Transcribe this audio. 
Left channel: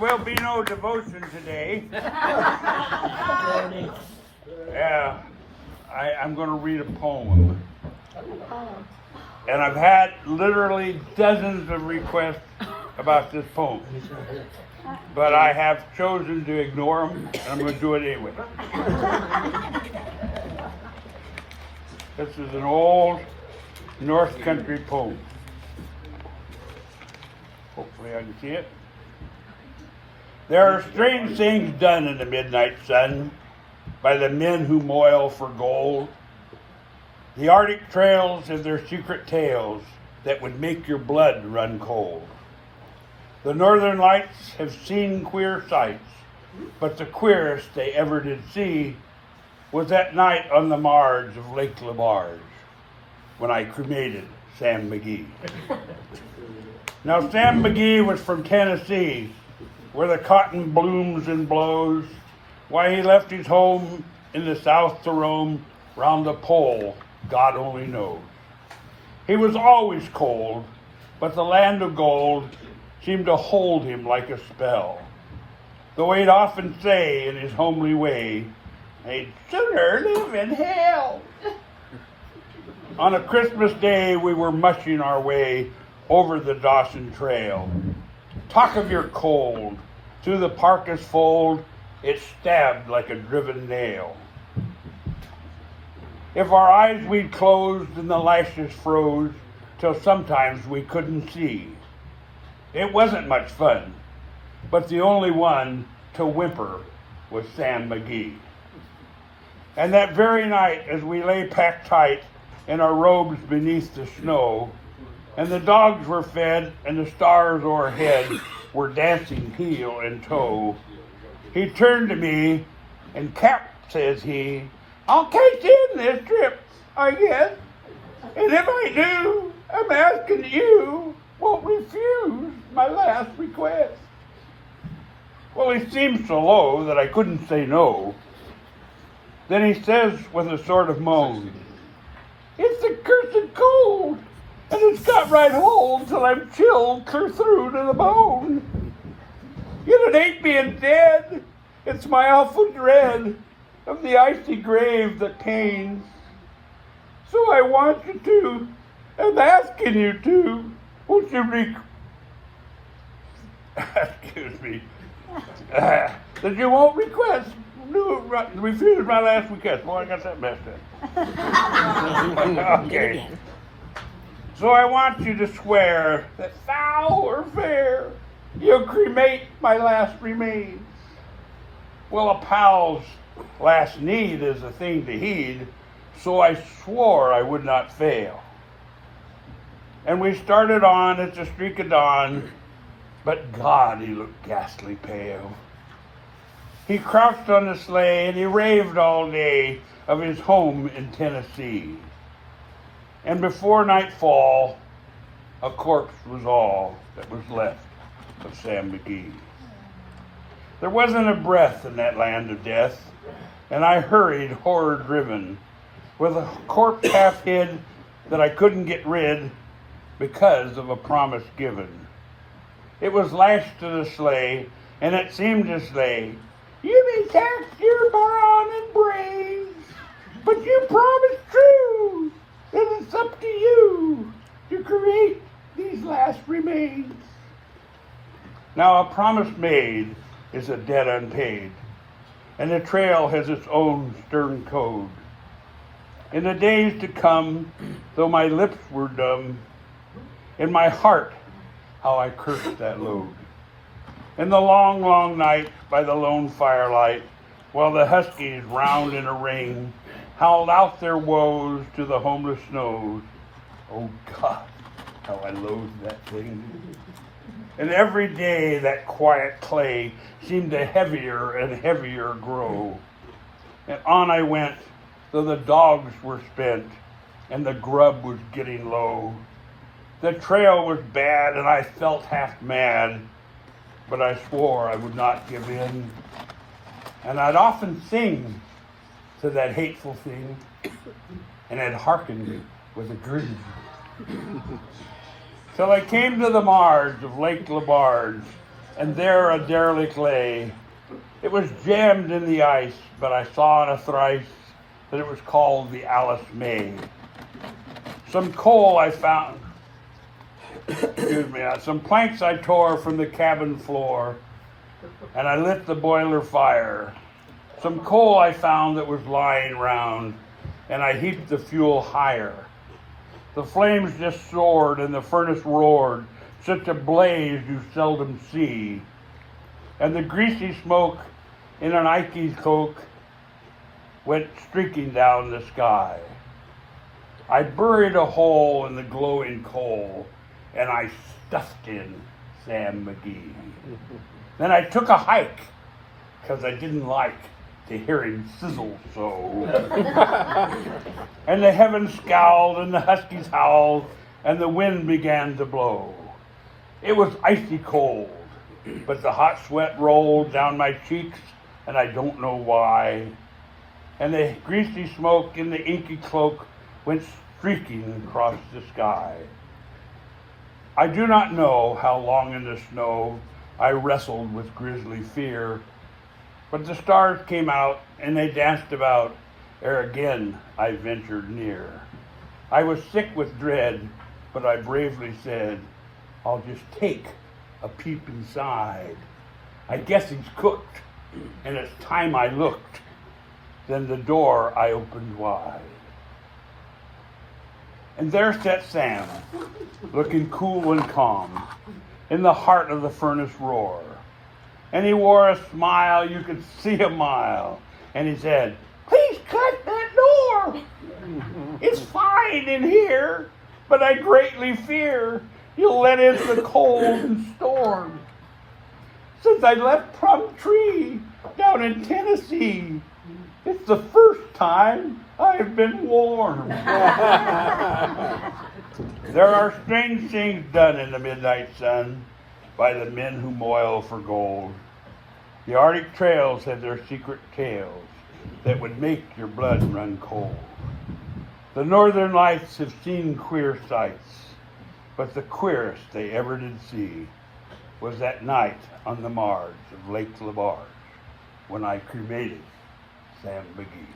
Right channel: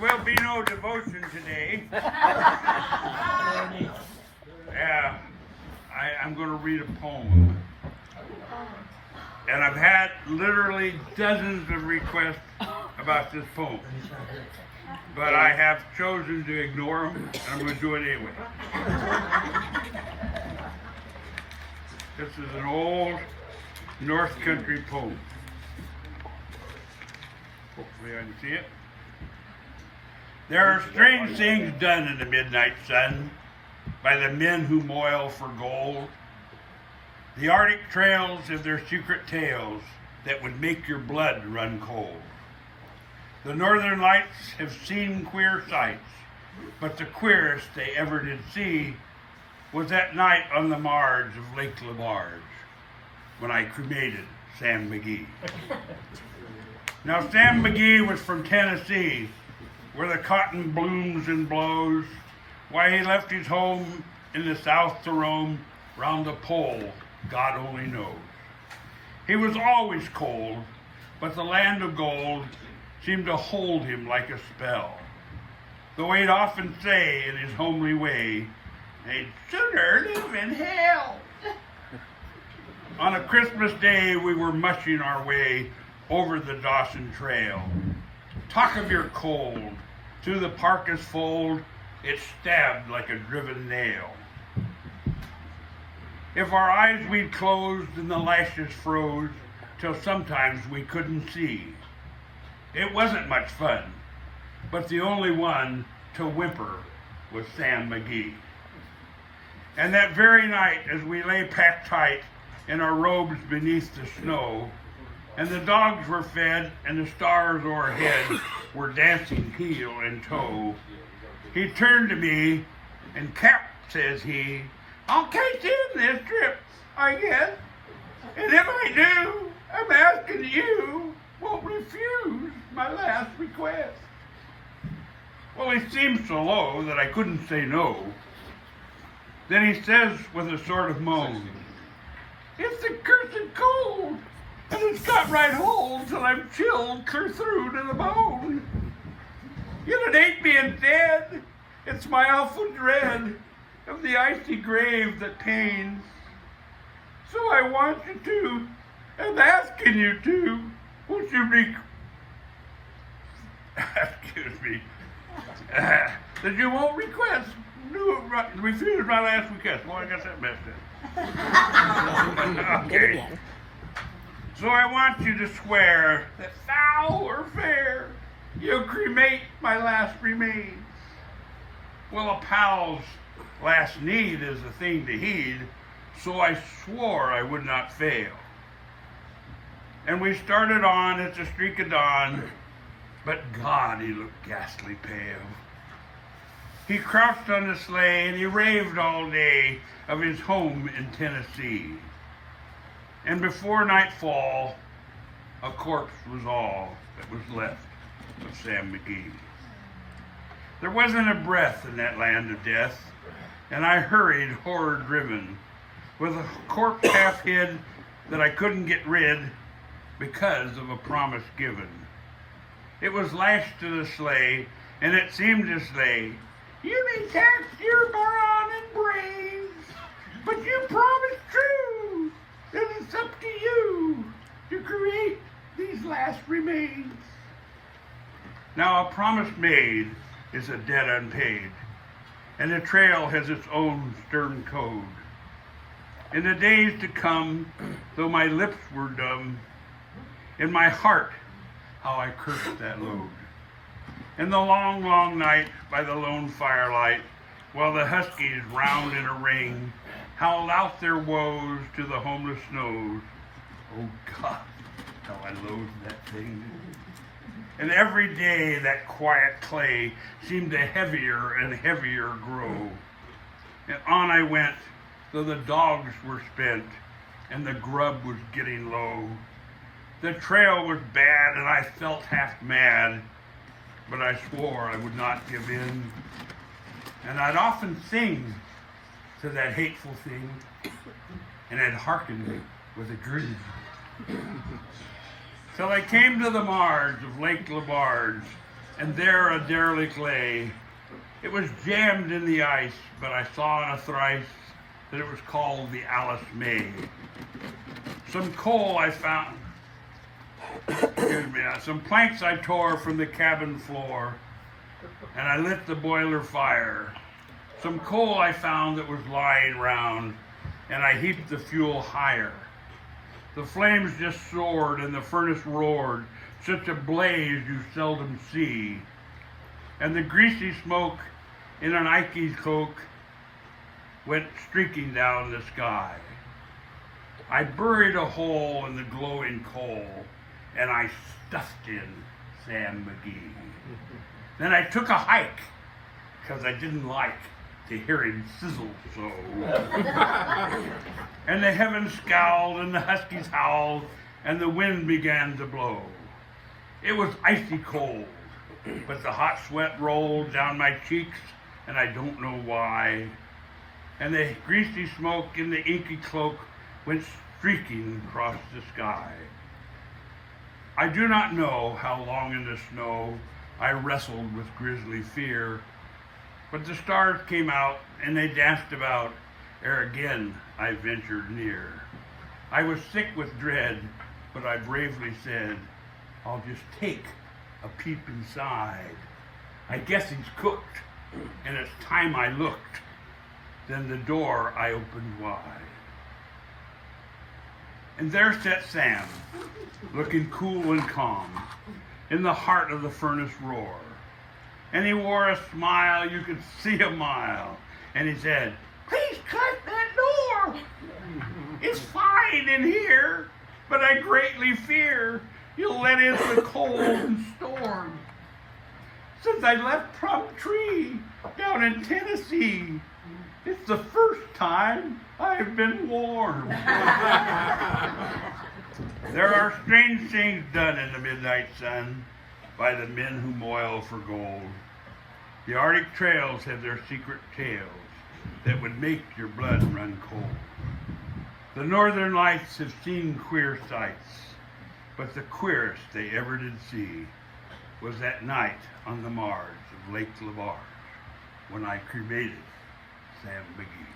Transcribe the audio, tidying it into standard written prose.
will be no devotion today. Yeah, I'm going to read a poem. And I've had literally dozens of requests about this poem. But I have chosen to ignore them, and I'm going to do it anyway. This is an old North Country poem. Hopefully I can see it. There are strange things done in the midnight sun by the men who moil for gold. The Arctic trails have their secret tales that would make your blood run cold. The Northern Lights have seen queer sights, but the queerest they ever did see was that night on the marge of Lake Labarge when I cremated Sam Magee. Now, Sam Magee was from Tennessee, where the cotton blooms and blows. Why he left his home in the South to roam round the pole, God only knows. He was always cold, but the land of gold seemed to hold him like a spell. Though he'd often say in his homely way, "I'd sooner live in hell." On a Christmas day, we were mushing our way over the Dawson Trail. Talk of your cold, through the parka's fold, it stabbed like a driven nail. If our eyes we'd closed and the lashes froze, till sometimes we couldn't see. It wasn't much fun, but the only one to whimper was Sam Magee. And that very night, as we lay packed tight in our robes beneath the snow, and the dogs were fed and the stars o'erhead were dancing heel and toe, he turned to me and, "Cap," says he, "I'll catch in this trip, I guess. And if I do, I'm asking you won't refuse my last request." Well, he seemed so low that I couldn't say no. Then he says with a sort of moan, "It's the cursed cold, and it's got right hold till I'm chilled clear through to the bone. Yet it ain't being dead, it's my awful dread of the icy grave that pains. So I want you to, I'm asking you to, won't you excuse me, that you won't refuse my last request." Well, I got that messed up. Okay. "So I want you to swear that foul or fair, you'll cremate my last remains." Well, a pal's last need is a thing to heed, so I swore I would not fail. And we started on at the streak of dawn, but God, he looked ghastly pale. He crouched on the sleigh and he raved all day of his home in Tennessee. And before nightfall, a corpse was all that was left of Sam Magee. There wasn't a breath in that land of death, and I hurried horror-driven, with a corpse half hid that I couldn't get rid because of a promise given. It was lashed to the sleigh, and it seemed as they, "You may tax your brawn and brains, but you promised true that it's up to you to create these last remains." Now, a promise made is a debt unpaid, and the trail has its own stern code. In the days to come, though my lips were dumb, in my heart, how I cursed that load. In the long, long night by the lone firelight, while the huskies round in a ring howled out their woes to the homeless snows, oh God, how I loathed that thing. And every day that quiet clay seemed to heavier and heavier grow. And on I went, though the dogs were spent and the grub was getting low. The trail was bad and I felt half mad, but I swore I would not give in. And I'd often sing to that hateful thing, and I'd hearken with a grin. Till I came to the marge of Lake Labarge, and there a derelict lay. It was jammed in the ice, but I saw in a thrice that it was called the Alice May. Some coal I found, some planks I tore from the cabin floor, and I lit the boiler fire. Some coal I found that was lying round, and I heaped the fuel higher. The flames just soared, and the furnace roared, such a blaze you seldom see. And the greasy smoke in an Ike's coke went streaking down the sky. I buried a hole in the glowing coal, and I stuffed in Sam Magee. Then I took a hike, because I didn't like to hear him sizzle so. And the heavens scowled, and the huskies howled, and the wind began to blow. It was icy cold, but the hot sweat rolled down my cheeks, and I don't know why. And the greasy smoke in the inky cloak went streaking across the sky. I do not know how long in the snow I wrestled with grisly fear, but the stars came out and they danced about ere again I ventured near. I was sick with dread, but I bravely said, I'll just take a peep inside. I guess he's cooked, and it's time I looked. Then the door I opened wide. And there sat Sam, looking cool and calm, in the heart of the furnace roar. And he wore a smile you could see a mile. And he said, please cut that door. It's fine in here, but I greatly fear you'll let in the cold and storm. Since I left Plum Tree down in Tennessee, it's the first time I've been warm. There are strange things done in the midnight sun by the men who moil for gold. The Arctic trails have their secret tales that would make your blood run cold. The northern lights have seen queer sights, but the queerest they ever did see was that night on the marge of Lake Labarge when I cremated Sam Magee.